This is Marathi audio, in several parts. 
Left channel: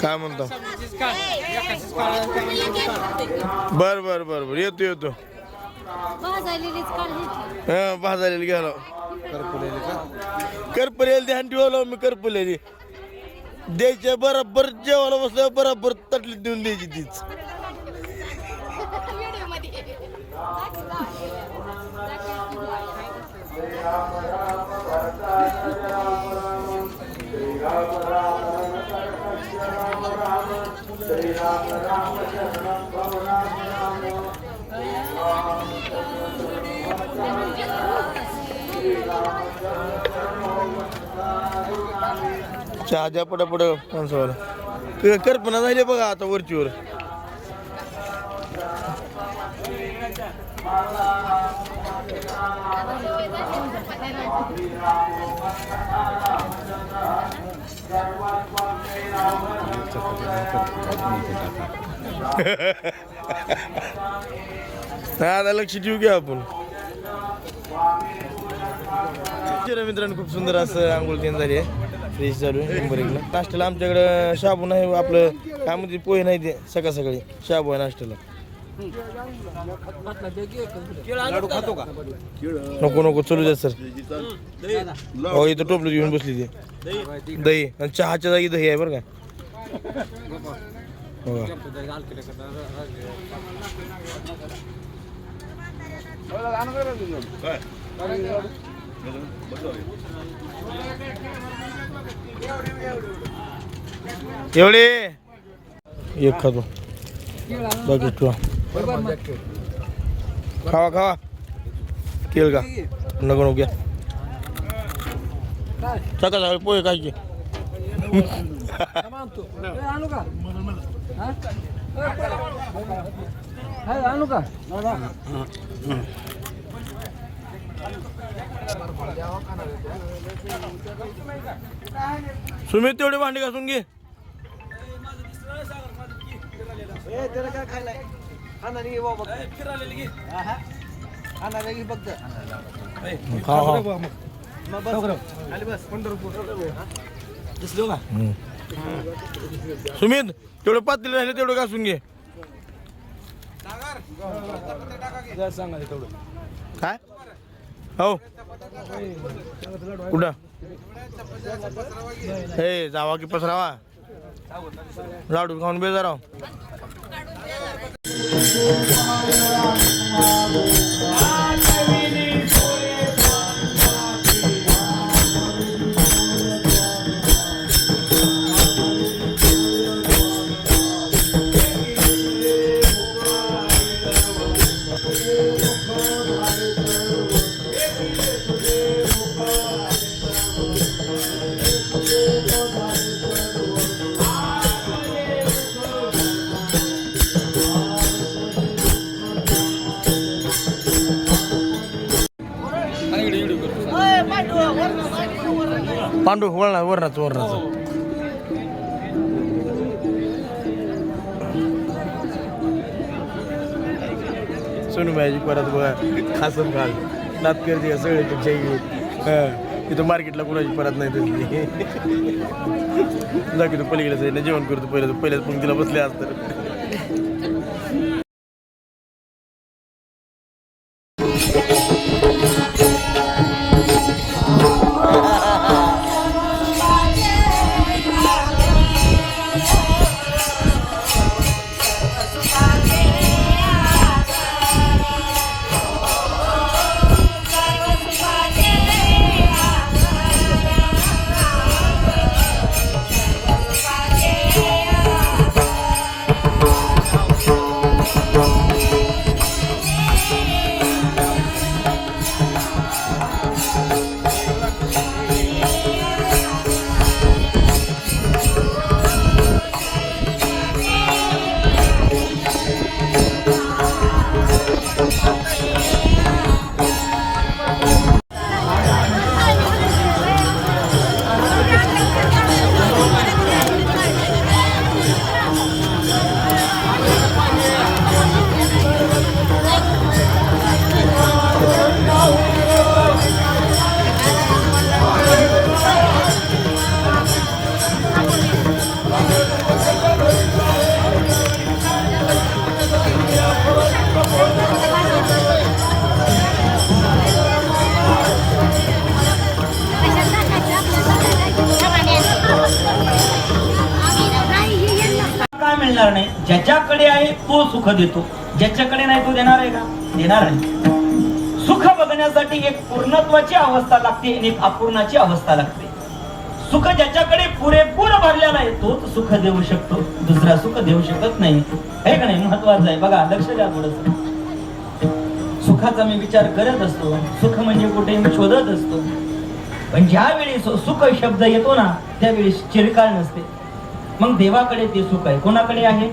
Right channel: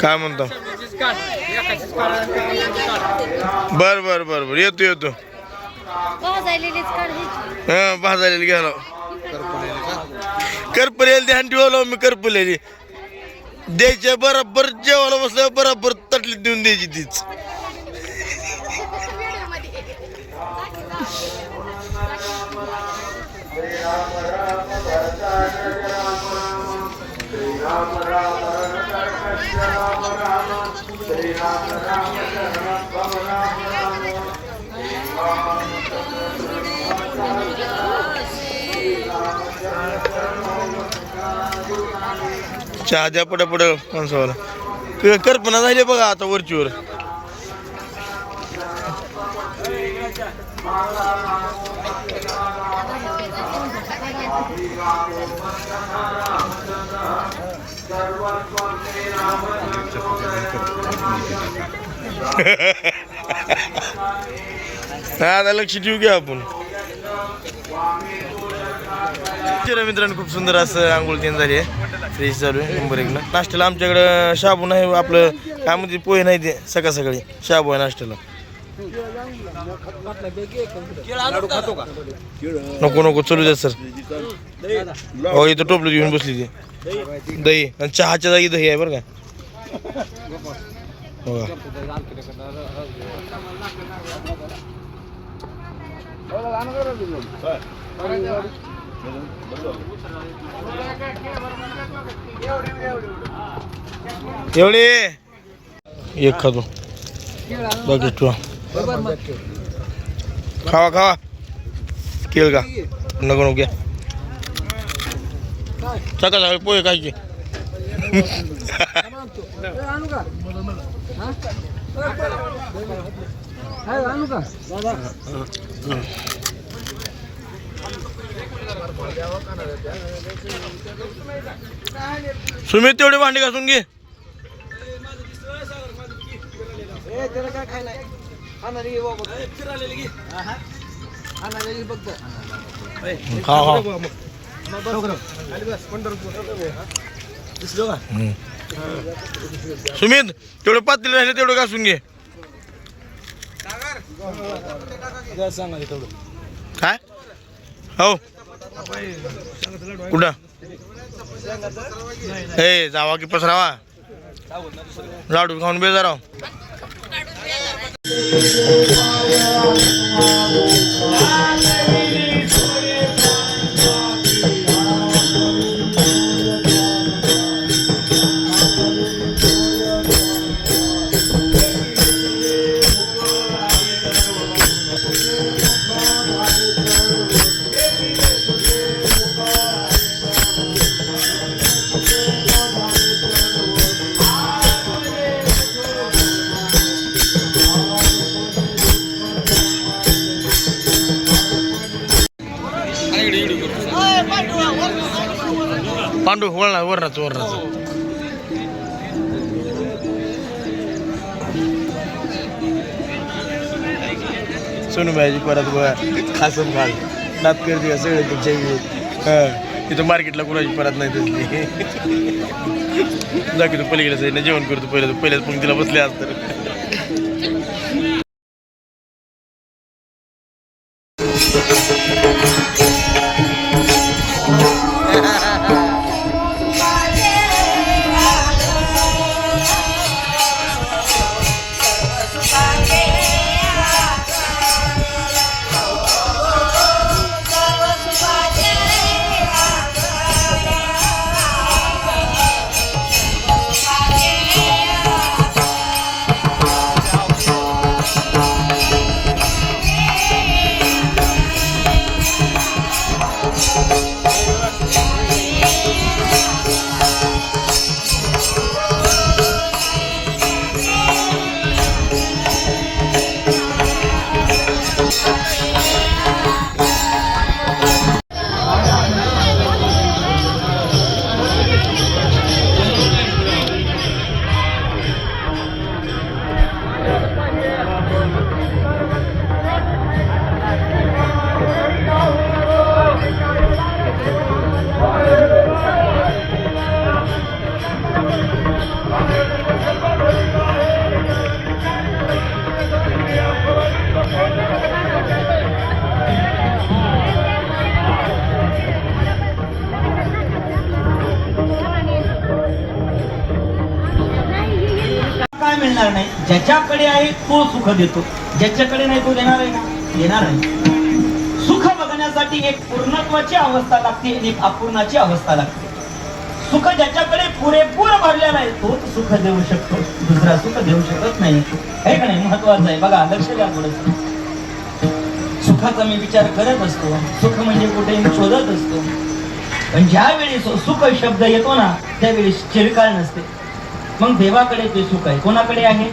काय म्हणतो? बर बर बर बर येतो येतो. हा भाजायला घ्यायला करपलेली ध्यान ठेवलं मी. करपलेली द्यायच्या बरोबर जेवायला बसलं बरोबर तटलीत देऊन द्यायची तीच. चहा द्या पटापट माणसाला. कल्पना झाली बघा आता वरचीवर. आता लक्ष ठेवू घ्या आपण. मित्रांनो खूप सुंदर असं आंघोळ तीन झाली आहे. फ्रेश चालू आहे नंबर 1 ला. नाश्त्याला आमच्याकडं शाबू नाही आपलं काय म्हणते पोहे नाही ते. सकाळ सकाळी शाबू आहे नाश्त्याला. नको नको चलू द्या सर. हो इथं टोपलं घेऊन बसली ती. दही आणि चहाच्या जागी दही आहे बरं का. हो एवढे एक खातो बाकी ठेवा. खावा खावा केळ का नको नको घ्या. सकाळ सकाळी पोहे खायचे. सुमित तेवढे भांडी घासून घे. सुमित तेवढं पातळी राहिले तेवढं घासून घे. काय हो कुठं हे जावा की पसरावा. लाडू खाऊन बेजार राव. पांडू वळणार वरणाचं वरणाचं. सोनूबाईची परत बघा खासम खाल नात करते सगळे तुमच्या इथं मार्केटला कुणाची परत नाही तसली. जा की तू पलीकडे जाईन जेवण करतो पहिल्याच पंक्तीला बसले आज तर. देणार नाही. ज्याच्याकडे आहे तो सुख देतो, ज्याच्याकडे नाही तो देणार आहे का? देणार नाही. सुख बघण्यासाठी एक पूर्णत्वाची अवस्था लागते आणि एक अपूर्णाची अवस्था लागते. सुख ज्याच्याकडे पुरेपूर भरलेला आहे तोच सुख देऊ शकतो, दुसरा सुख देऊ शकत नाही. हे का नाही? महत्वाचं आहे. बघा, लक्ष द्या थोडंसं. सुखाचा मी विचार करत असतो, सुख म्हणजे कुठे मी शोधत असतो, पण ज्यावेळी सुख शब्द येतो ना त्यावेळी चिरकाळ नसते. मग देवाकडे ते सुख आहे. कोणाकडे आहे?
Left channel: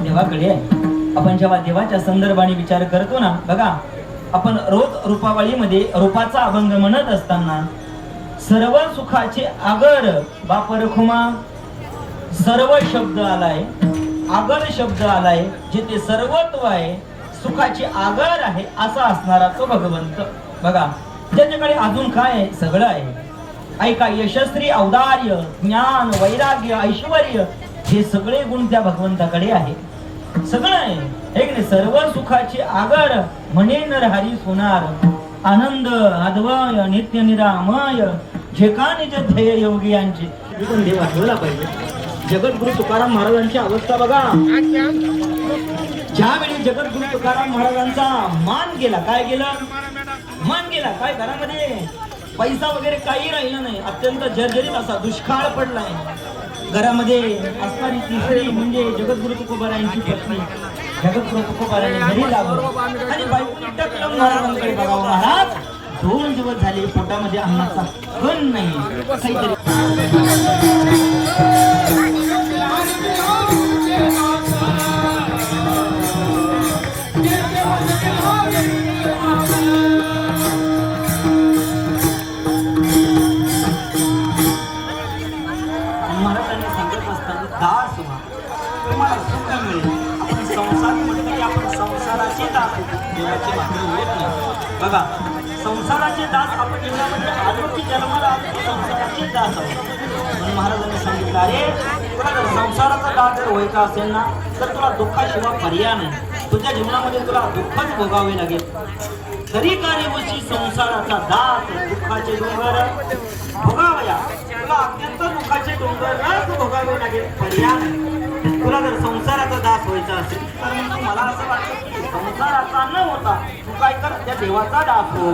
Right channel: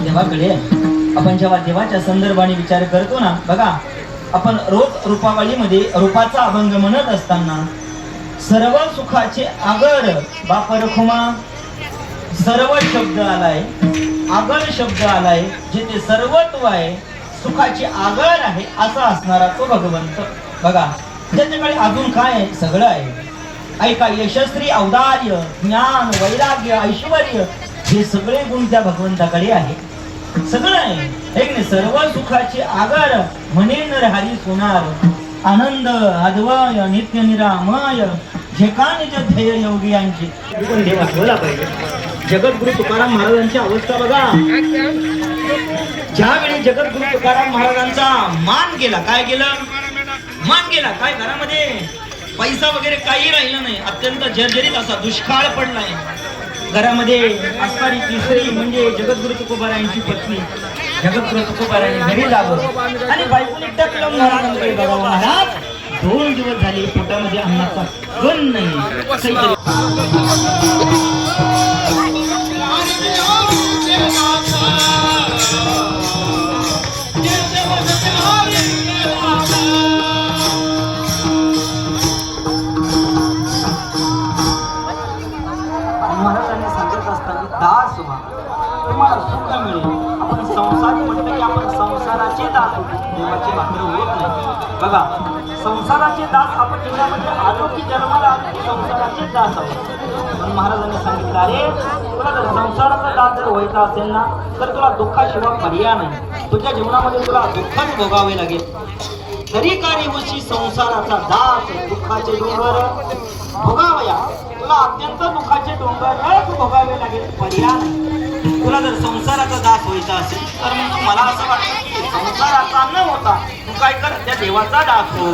देवाकडे आहे. आपण जेव्हा देवाच्या संदर्भाने विचार करतो ना, बघा, आपण रोज रूपावळीमध्ये रूपाचा अभंग म्हणत असताना सर्व सुखाचे आगर बापर खुमा, सर्व शब्द आलाय, आगर शब्द आलाय, जिथे सर्वत्व आहे, सुखाची आगर आहे, असा असणारा तो भगवंत. बघा, त्याच्याकडे अजून काय आहे? सगळं आहे. ऐका, यशस्वी, औदार्य, ज्ञान, वैराग्य, ऐश्वर्य, हे सगळे गुण त्या भगवंताकडे आहे. सगळं आहे. एक नाही, सर्व सुखाची आगर म्हणे नरहरी सोनार, आनंद अद्वय नित्य निरामय, ठिकाणी जे ध्येय योगी यांची देवा ठेवला पाहिजे. जगद्गुरु तुकाराम महाराजांची अवस्था बघा. ज्यावेळी जगद्गुरु तुकाराम महाराजांचा मान गेला, काय गेलं? मान गेला. काय? घरामध्ये पैसा वगैरे काही राहिलं नाही. अत्यंत जर्जरीत असा दुष्काळ पडलाय. घरामध्ये असणारी तिसरी म्हणजे जगद्गुरु तुकोबारायांची पत्नी. जगद्गुरु तुकोबारायांनी घरी जावं आणि बायको महाराजांकडे बघावं. महाराज, 2 दिवस झाले पोटामध्ये अन्नाचा कण नाही. काहीतरी महाराजांनी सांगत असताना दास व्हा, तुम्हाला सुख मिळेल. आपण संसार म्हटलं की आपण संसाराचे दास होतो, देवाची भाकरी होत नाही. बघा, संसाराचे दास आपण जीवनामध्ये आलो की जन्माला संसाराचे दास आहोत. म्हणून महाराजांनी सांगितलं, अरे तुला जर संसाराचा दास जर व्हायचा असेल ना तर तुला दुःखाशिवाय पर्याय नाही. तुझ्या जीवनामध्ये तुला दुःखच भोगावे लागेल. तरी कार्य होशी संसाराचा दास, दुःखाचे डोंगर भोगावया. तुला अत्यंत दुःखाचे डोंगर भोगावे लागेल, पर्याय नाही. तुला जर संसाराचा दास व्हायचा असेल तर मग मला असं वाटतं की संसाराचा न होता तू काय कर, त्या देवाचा दास हो.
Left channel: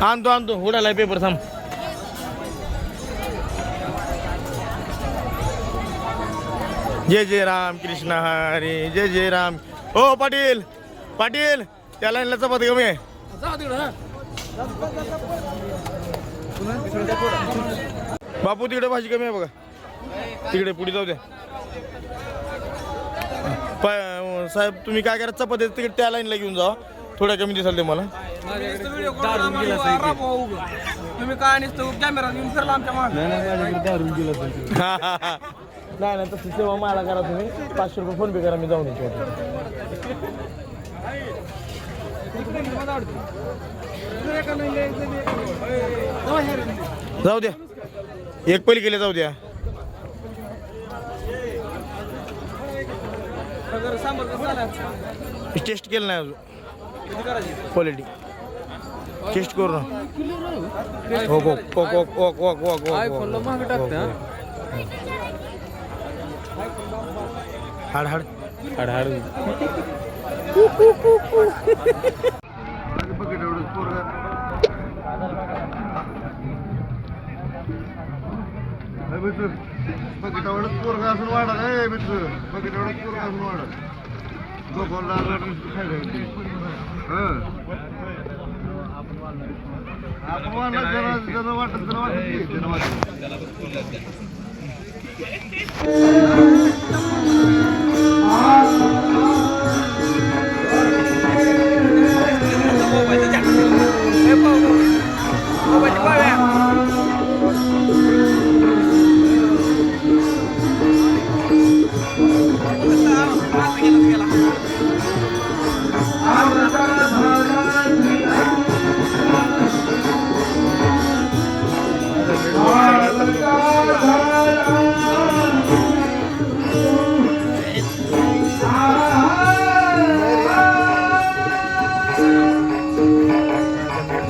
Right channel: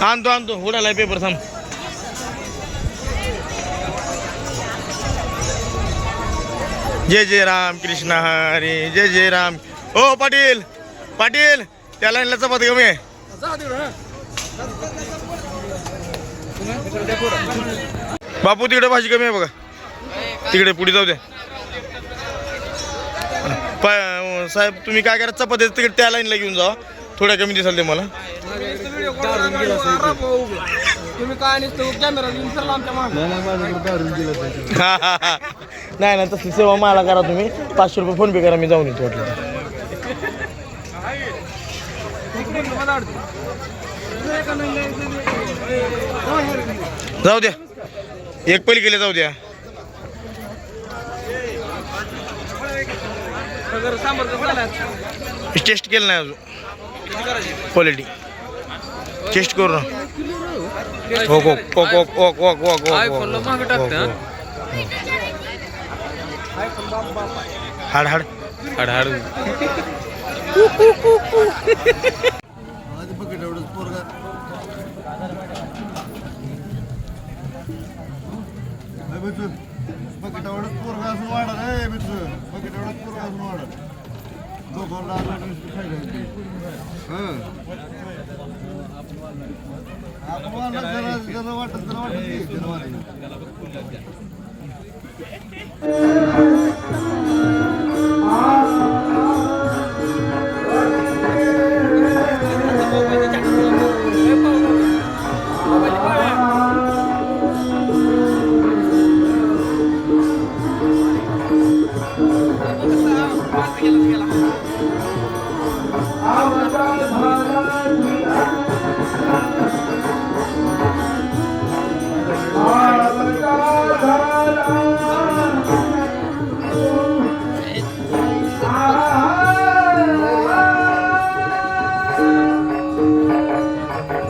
आणतो उडाला पेपर थांब. जय जय राम कृष्ण हरी, जय जय राम. ओ पाटील, पाटील, त्या लाईनला चपाती कमी आहे. बापू तिकडे भाजी कमी आहे बघा, तिकडे पुढे जाऊ द्या. साहेब तुम्ही काय करा, चपाती तिकडे त्या लाईनला घेऊन जा, थोड्या कमी दिसाल ते मला. तुम्ही काय कॅमेरा घेऊन फिरला आमच्या नाही ना, तसं सेवा मला करा तुम्ही. 500 रुपये फोन पे करा, मी जाऊन येतो वाटलं. जाऊ द्या, एक पलीकडे जाऊ द्या. टेस्ट केलं नाही अजून, क्वालिटी टेस्ट करू ना. हो हो हो हो हो हो हो हो. हाड हाड हाड हाड.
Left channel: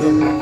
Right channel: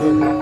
काय नाही.